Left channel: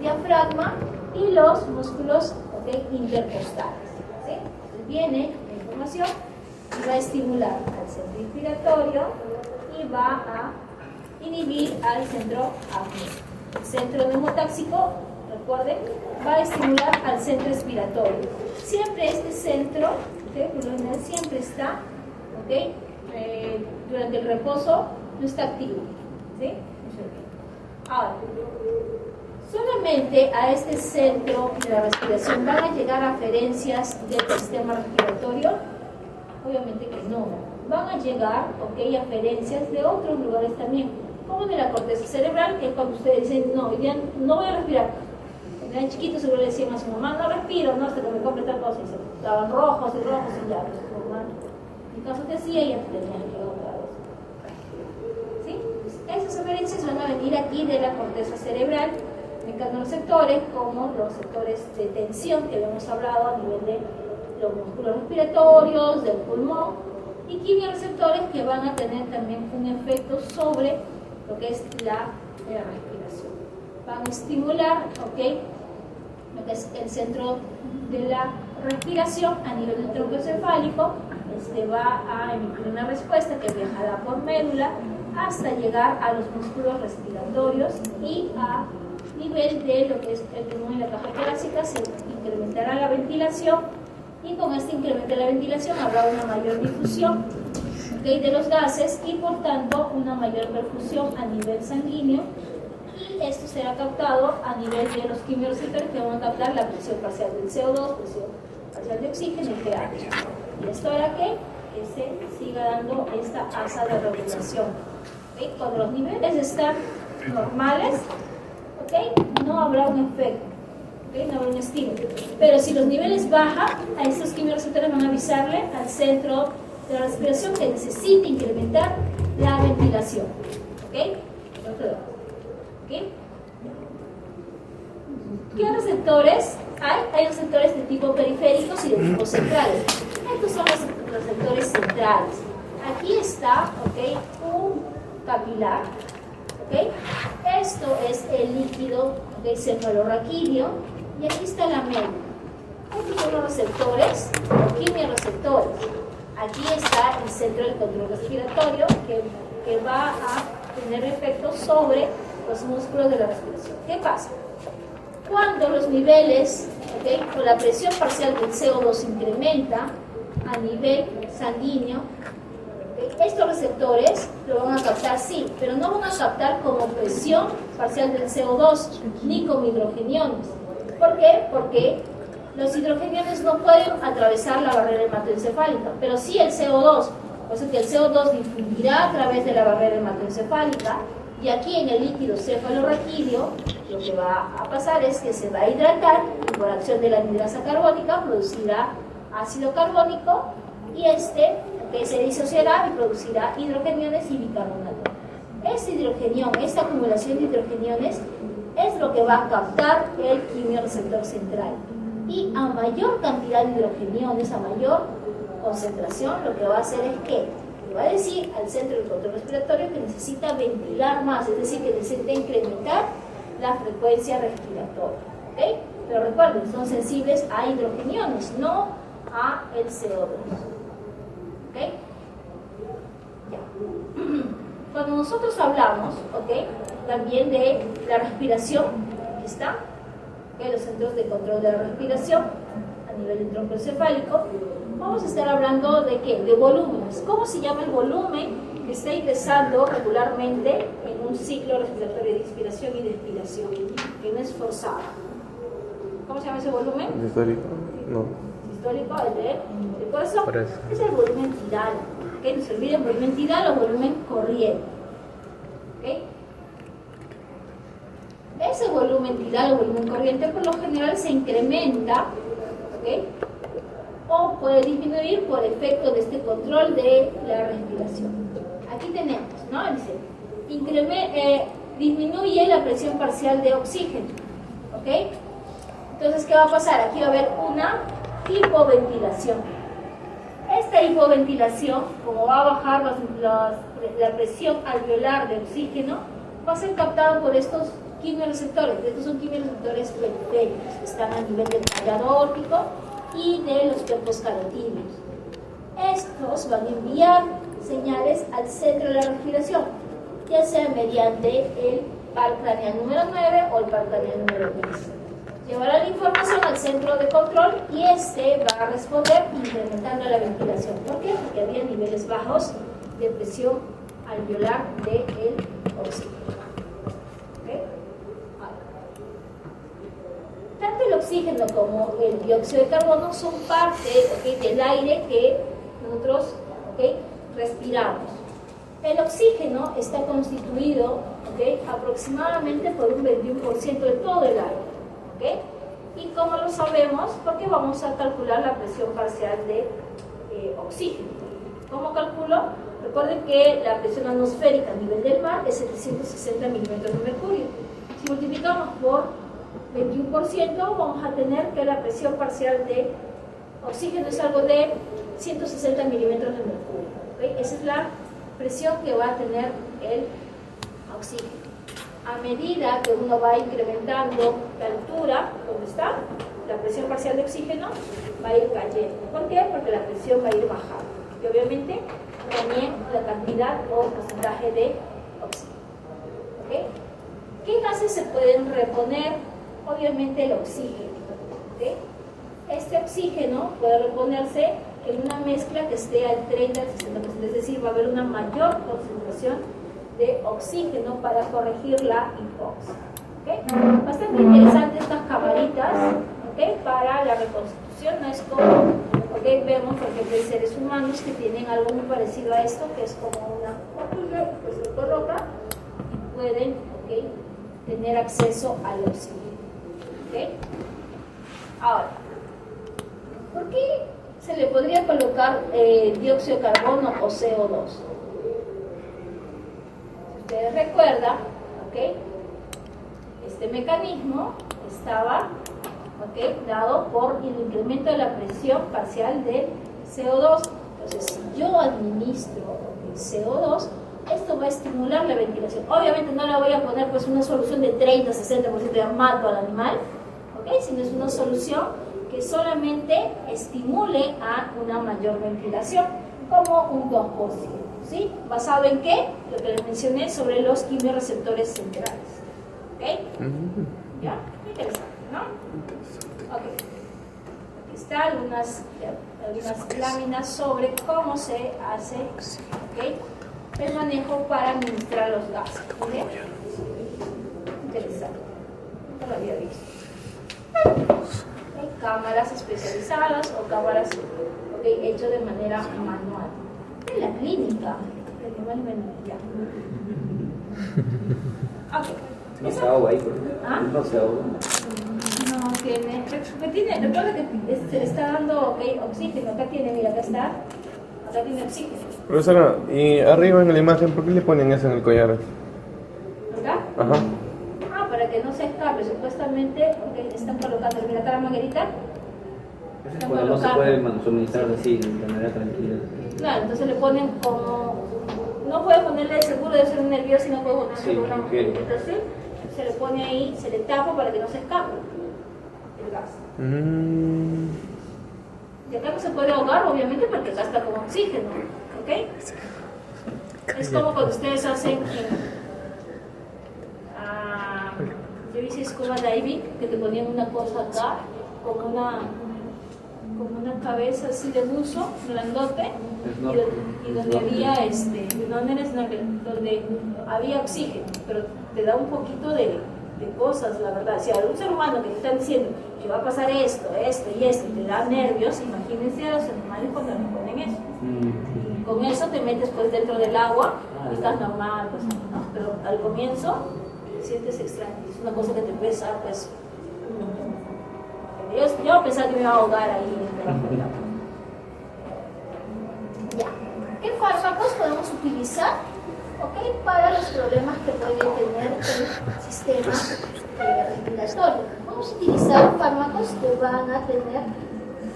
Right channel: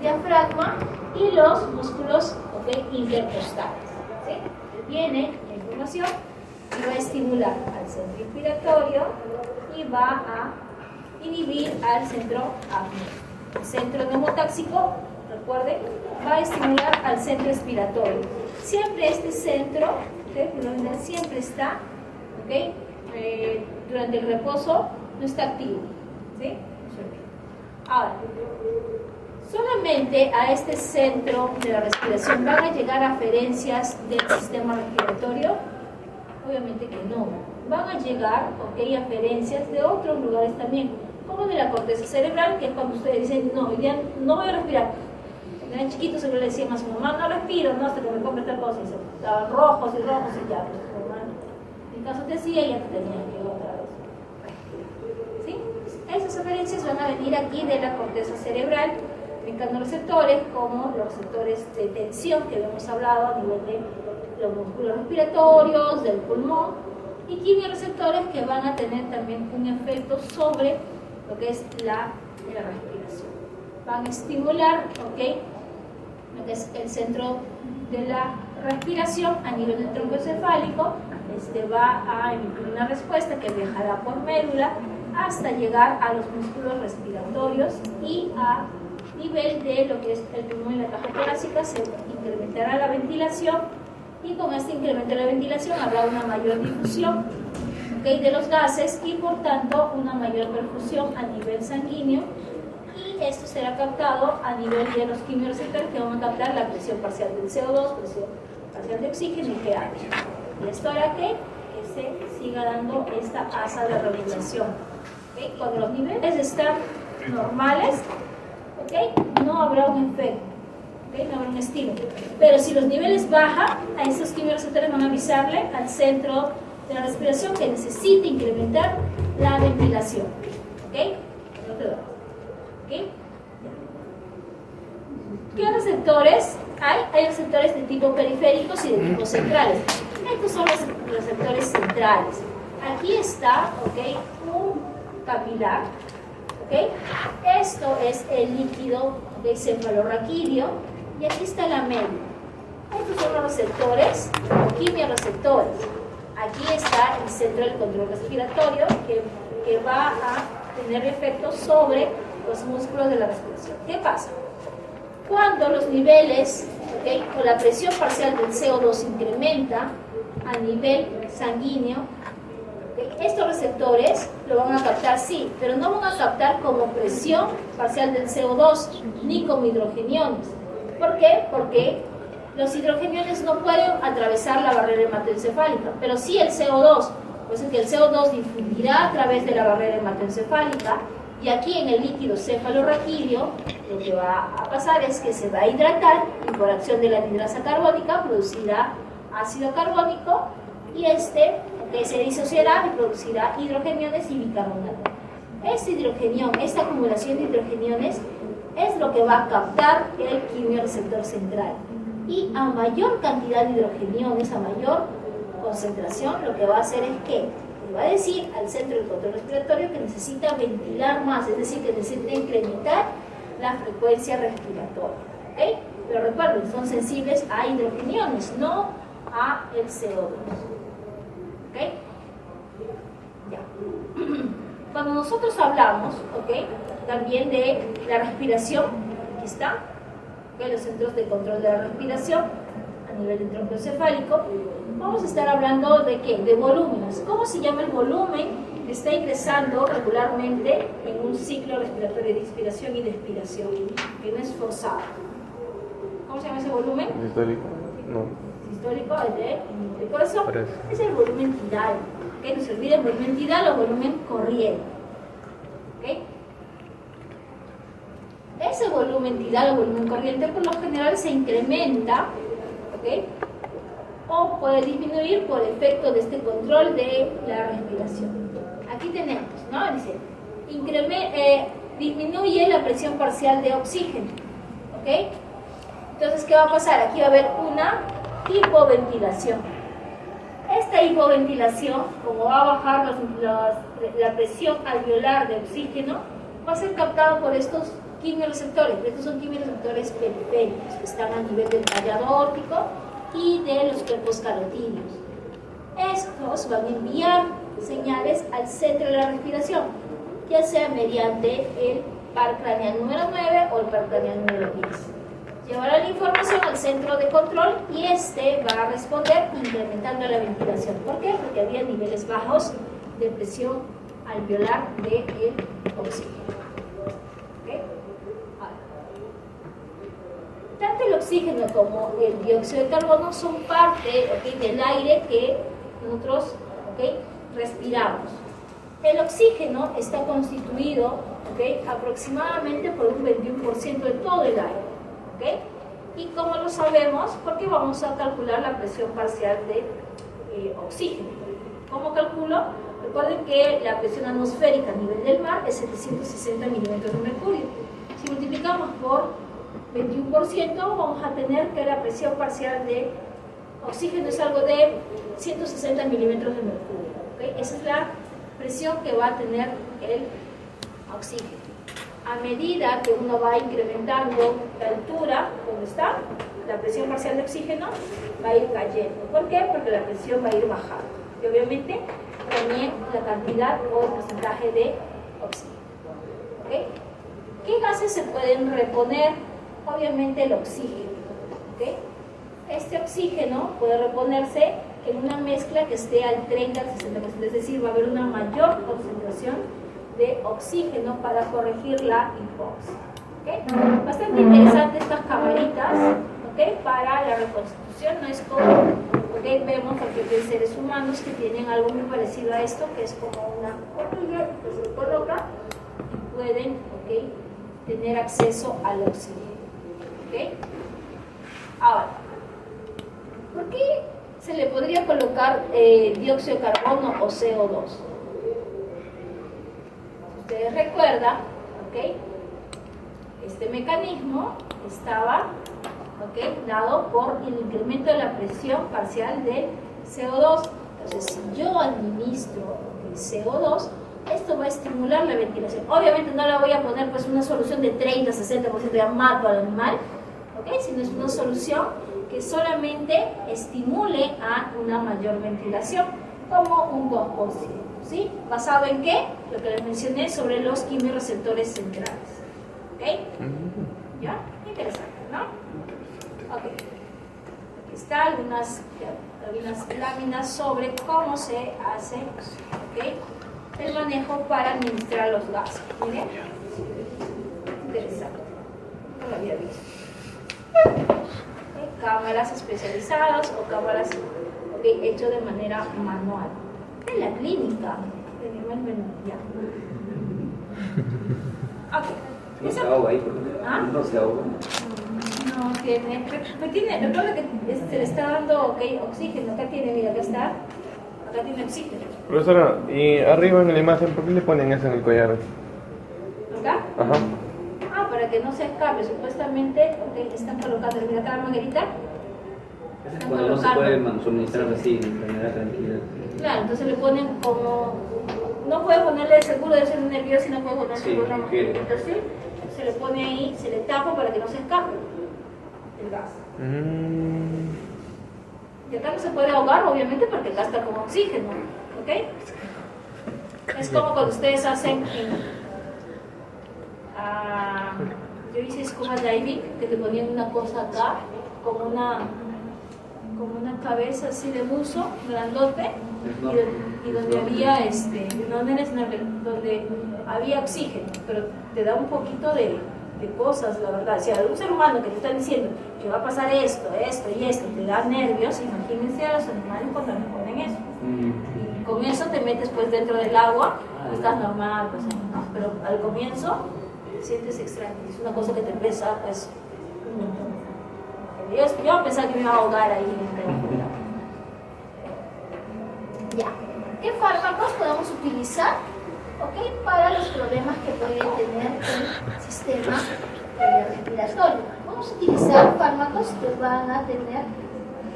el diafragma y los músculos intercostales. ¿Sí? Viene la información y va a estimular al centro inspiratorio y va a inhibir al centro apneo. El centro neumotáxico, recuerden, va a estimular al centro expiratorio. Siempre este centro, siempre está, durante el reposo no está activo. ¿Sí? Ahora, solamente a este centro de la respiración van a llegar aferencias del sistema respiratorio. Obviamente que no. Van a llegar aferencias de otros lugares también, como de la corteza cerebral, que es cuando ustedes dicen, no, ya no voy a respirar. Cuando eran chiquitos seguro le decían a su mamá, no respiro, no, hasta que me compre tal cosa, y se estaban rojos y ya. En caso te decía, ya te tenían que otra vez. ¿Sí? Esas aferencias van a venir aquí de la corteza cerebral, mecanorreceptores, como los receptores de tensión que habíamos hablado a nivel de los músculos respiratorios, del pulmón, y quimioreceptores que van a tener también un efecto sobre lo que es la respiración. Van a estimular, lo que es el centro de la respiración a nivel del tronco encefálico. Va a emitir una respuesta que viajará por médula hasta llegar a los músculos respiratorios y a nivel de lo que es el pulmón y la caja torácica se incrementará la ventilación, y con este incremento de la ventilación habrá una mayor difusión de los gases y por tanto una mayor perfusión a nivel sanguíneo, y esto será captado a nivel de los quimioreceptores que van a captar la presión parcial del CO2, presión parcial de oxígeno y pH. Y esto hará que se siga dando esta asa de regulación. Cuando los niveles están normales, no habrá un efecto, no habrá un estímulo. Pero si los niveles bajan, a estos quimioreceptores van a avisarle al centro de la respiración que necesita incrementar la ventilación. ¿Qué receptores hay? Hay receptores de tipo periféricos y de tipo centrales. Estos son los receptores centrales. Aquí está un capilar. Esto es el líquido cefalorraquídeo y aquí está la médula. Estos son los receptores o quimioreceptores. Aquí está el centro del control respiratorio que va a tener efecto sobre los músculos de la respiración. ¿Qué pasa? Cuando los niveles o la presión parcial del CO2 incrementa a nivel sanguíneo, estos receptores lo van a captar, sí, pero no van a captar como presión parcial del CO2 ni como hidrogeniones. ¿Por qué? Porque los hidrogeniones no pueden atravesar la barrera hematoencefálica, pero sí el CO2. Por eso que el CO2 difundirá a través de la barrera hematoencefálica, y aquí en el líquido cefalorraquídeo lo que va a pasar es que se va a hidratar y por acción de la anhidrasa carbónica producirá ácido carbónico, y que se disociará y producirá hidrogeniones y bicarbonato. Este hidrogenión, esta acumulación de hidrogeniones es lo que va a captar el quimioreceptor central, y a mayor cantidad de hidrogeniones, a mayor concentración, lo que va a hacer es que le va a decir al centro del control respiratorio que necesita ventilar más, es decir, que necesita incrementar la frecuencia respiratoria. Pero recuerden, son sensibles a hidrogeniones, no a el CO2. Ya. Cuando nosotros hablamos, también de la respiración, aquí está, los centros de control de la respiración a nivel del tronco encefálico, vamos a estar hablando de ¿qué? De volúmenes. ¿Cómo se llama el volumen que está ingresando regularmente en un ciclo respiratorio de inspiración y de expiración, que no es forzado? ¿Cómo se llama ese volumen? Histórico, no. Histórico, por eso es el volumen tidal. No se olvide el volumen tidal o volumen corriente. Ese volumen tidal o volumen corriente por lo general se incrementa, o puede disminuir por efecto de este control de la respiración. Aquí tenemos, ¿no? Dice, disminuye la presión parcial de oxígeno, Entonces, ¿qué va a pasar? Aquí va a haber una hipoventilación. Esta hipoventilación, como va a bajar la presión alveolar de oxígeno, va a ser captada por estos quimiorreceptores, pero estos son quimiorreceptores periféricos, que están a nivel del tallado aórtico y de los cuerpos carotídeos. Estos van a enviar señales al centro de la respiración, ya sea mediante el par craneal número 9 o el par craneal número 10. Llevará la información al centro de control y este va a responder incrementando la ventilación. ¿Por qué? Porque había niveles bajos de presión alveolar del oxígeno. ¿Okay? Tanto el oxígeno como el dióxido de carbono son parte, ¿okay?, del aire que nosotros, ¿okay?, respiramos. El oxígeno está constituido, ¿okay?, aproximadamente por un 21% de todo el aire. ¿Okay? ¿Y cómo lo sabemos? Porque vamos a calcular la presión parcial de oxígeno. ¿Cómo calculo? Recuerden que la presión atmosférica a nivel del mar es 760 milímetros de mercurio. Si multiplicamos por 21%, vamos a tener que la presión parcial de oxígeno es algo de 160 milímetros de mercurio. ¿Okay? Esa es la presión que va a tener el oxígeno. A medida que uno va incrementando la altura, donde está la presión parcial de oxígeno, va a ir cayendo. ¿Por qué? Porque la presión va a ir bajando. Y obviamente también la cantidad o el porcentaje de oxígeno. ¿Okay? ¿Qué gases se pueden reponer? Obviamente el oxígeno. ¿Okay? Este oxígeno puede reponerse en una mezcla que esté al 30 al 60%, es decir, va a haber una mayor concentración de oxígeno para corregir la hipoxia. ¿Okay? Bastante interesante estas camaritas, ¿okay?, para la reconstitución. No es como, ¿okay?, vemos porque hay seres humanos que tienen algo muy parecido a esto, que es como una horquilla que se coloca y pueden, ¿okay?, tener acceso al oxígeno. ¿Okay? Ahora, ¿por qué se le podría colocar dióxido de carbono o CO2? Ustedes recuerdan, ¿okay?, este mecanismo estaba, ¿okay?, dado por el incremento de la presión parcial del CO2. Entonces, si yo administro el CO2, esto va a estimular la ventilación. Obviamente no le voy a poner pues una solución de 30-60%, ya mato al animal, ¿okay?, sino es una solución que solamente estimule a una mayor ventilación, como un 2%. ¿Sí? ¿Basado en qué? Lo que les mencioné sobre los quimiorreceptores centrales. ¿Ok? ¿Ya? Interesante, ¿no? Ok. Aquí están algunas láminas sobre cómo se hace, ¿okay?, el manejo para administrar los gases. Miren. Interesante. No lo había visto. ¿Okay? Cámaras especializadas o cámaras, ¿okay?, hechas de manera manual. En la clínica. Ya. Okay. No se ahoga ahí, ¿por qué? ¿Ah? No se ahoga. No, que me tiene, recuerda que se le está dando, okay, oxígeno. Acá tiene, mira, acá está. Acá tiene oxígeno. Profesora, y arriba en la imagen, ¿por qué le ponen eso en el collar? ¿Acá? Ajá. Para que no se escape. Supuestamente, okay, están colocando, mira acá, Margarita. No se puede suministrar así, de manera tranquila. Claro, entonces le ponen como, no puede ponerle seguro de ser nervioso, sino puede ponerle una modificación, se le pone ahí, se le tapa para que no se escape el gas. Y acá no se puede ahogar, obviamente, porque acá está como oxígeno, ¿ok? Es como cuando ustedes hacen, yo hice scuba diving, que te ponían una cosa acá, como una cabeza así de buzo, grandote, y donde había donde había oxígeno, pero te da un poquito de cosas, la verdad. Si a un ser humano que te está diciendo que va a pasar esto y esto, te da nervios, imagínense a los animales cuando les ponen eso. Y con eso te metes pues dentro del agua, estás normal, pues, ¿no? Pero al comienzo sientes extraño, es una cosa que te pesa, pues, un montón. Yo pensaba que me iba a ahogar ahí en el agua. Ya. ¿Qué fármacos podemos utilizar, okay, para los problemas que puede tener el sistema respiratorio? Vamos a utilizar fármacos que van a tener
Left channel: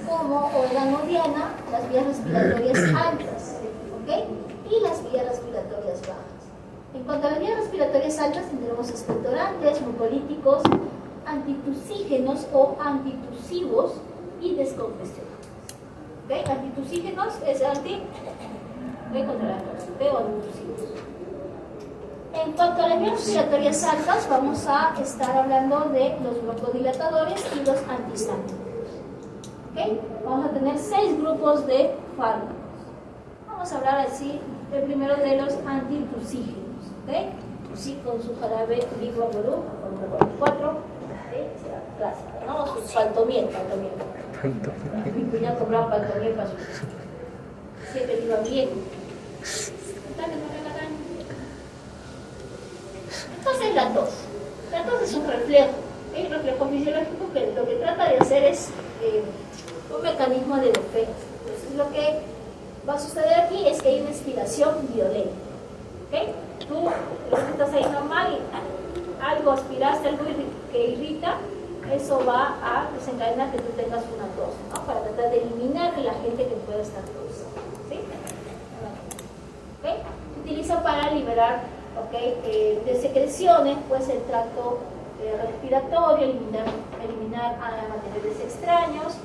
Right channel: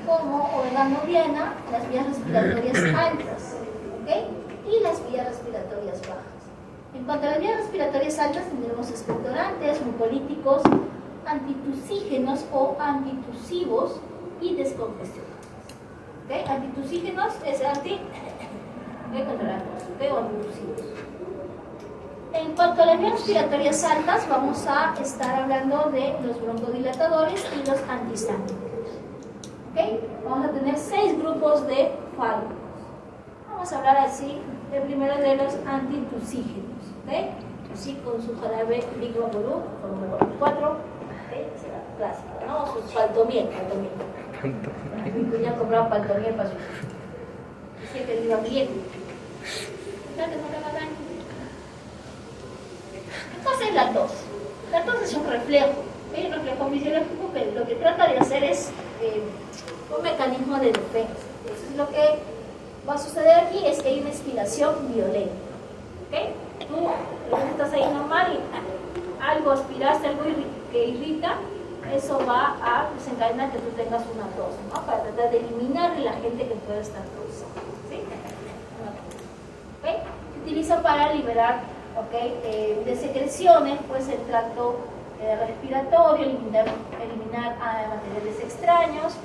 como órgano diana las vías respiratorias anchas, ¿okay?, y las vías respiratorias bajas. En cuanto a las vías respiratorias altas, tendremos expectorantes, mucolíticos, antitusígenos o antitusivos y descongestionantes. ¿Okay? Antitusígenos es contra la tos, ¿okay? O antitusivos. En cuanto a las vías respiratorias altas, vamos a estar hablando de los broncodilatadores y los antihistamínicos. ¿Okay? Vamos a tener 6 grupos de fármacos. Vamos a hablar así, el primero de los antitusígenos. ¿Okay? Así con su jarabe Vigvaporub, con 4, ¿okay? Será clásico, ¿no? Su paltomiel. Mi cuñado compraba paltomiel para su... Sé que le iba bien. ¿Qué cosa es la tos? La tos es un reflejo, ¿okay? Un reflejo fisiológico que lo que trata de hacer es un mecanismo de defensa. Entonces, lo que va a suceder aquí es que hay una inspiración violenta. ¿Okay? Tú estás ahí normal y algo aspiraste, algo que irrita, eso va a desencadenar que tú tengas una tos, ¿no? Para tratar de eliminar el agente que pueda estar causando. ¿Sí? ¿Okay? Se utiliza para liberar, ¿okay? De secreciones, pues el tracto respiratorio, eliminar materiales extraños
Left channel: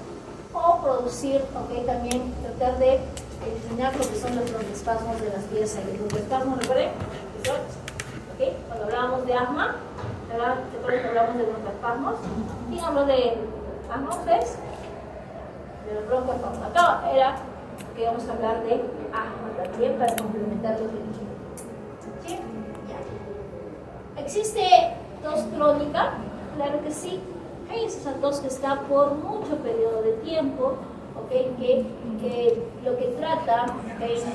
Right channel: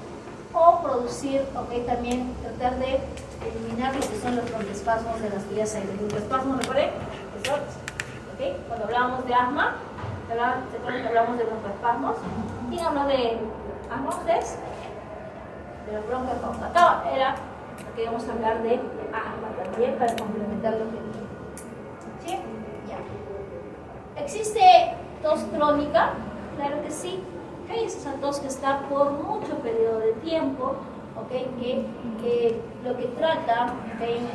o producir, ¿okay? También tratar de eliminar lo que son los broncoespasmos de las vías aéreas. Los broncoespasmos, ¿recuerden? ¿Okay? Cuando hablábamos de asma, ¿recuerden que hablamos de broncoespasmos? ¿Quién habló de asma ustedes? De los broncoespasmos. Acá era que íbamos a hablar de asma también para complementar los dirigidos. ¿Sí? Ya. ¿Existe tos crónica? Claro que sí. ¿Okay? Es esa tos que está por mucho periodo de tiempo, ¿okay? que lo que trata, ¿okay?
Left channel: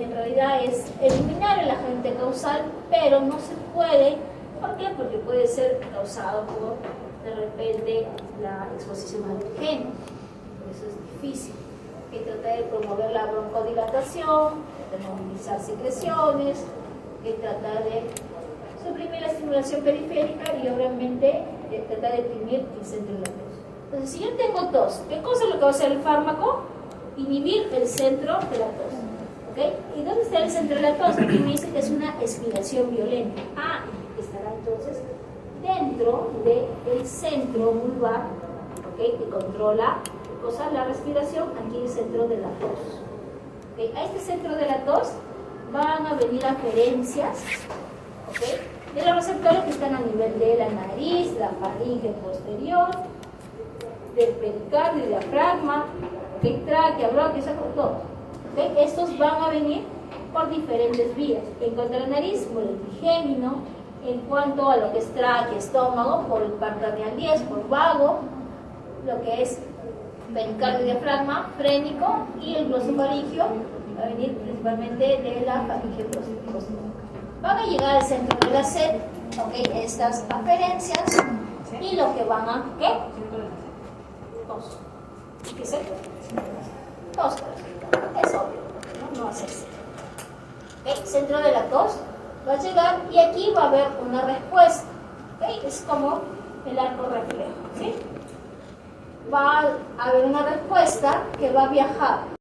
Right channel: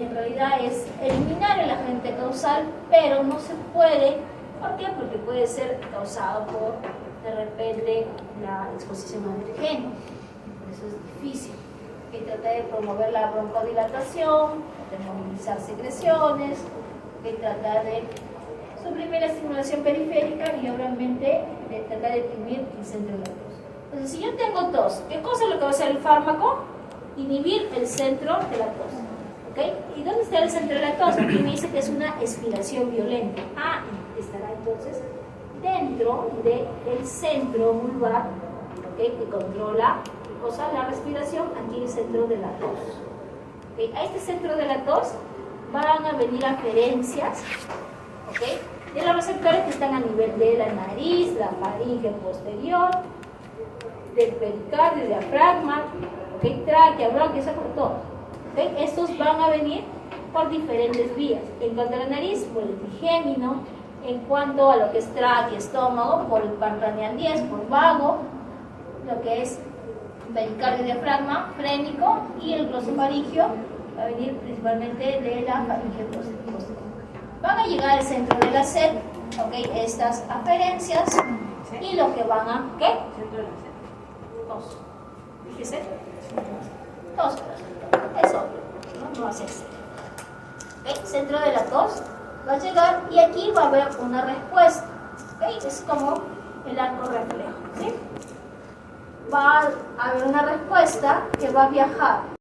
En realidad es eliminar el agente causal, pero no se puede. ¿Por qué? Porque puede ser causado por, de repente, la exposición a antígenos. Eso es difícil. Que trata de promover la broncodilatación, de movilizar secreciones, que trata de suprimir la estimulación periférica y obviamente de tratar de deprimir el centro de la tos. Entonces, si yo tengo tos, ¿qué cosa es lo que va a hacer el fármaco? Inhibir el centro de la tos. ¿Okay? ¿Y dónde está el centro de la tos? Aquí me dice que es una expiración violenta. Estará entonces dentro del centro vulvar, ¿okay? Que controla la respiración, aquí el centro de la tos. ¿Okay? A este centro de la tos van a venir aferencias, ¿okay? De los receptores que están a nivel de la nariz, la faringe posterior, del pericardio, diafragma, ¿okay? Tráquea, bronquios, todo. ¿Okay? Estos van a venir por diferentes vías. En cuanto a la nariz, por el trigémino. En cuanto a lo que es tráquea, estómago, por el par craneal 10, por vago. Lo que es pericardio, diafragma, frénico, y el glosofaringio va a venir principalmente de la faringe posterior. Van a llegar al centro de la sed, ¿okay? Estas aferencias, y lo que van a, ¿qué? Tos. ¿Qué es esto? Tos. Es obvio, no va a ser sed. ¿Okay? Centro de la tos va a llegar y aquí va a haber una respuesta. ¿Okay? Es como el arco reflejo, ¿sí? Va a haber una respuesta que va a viajar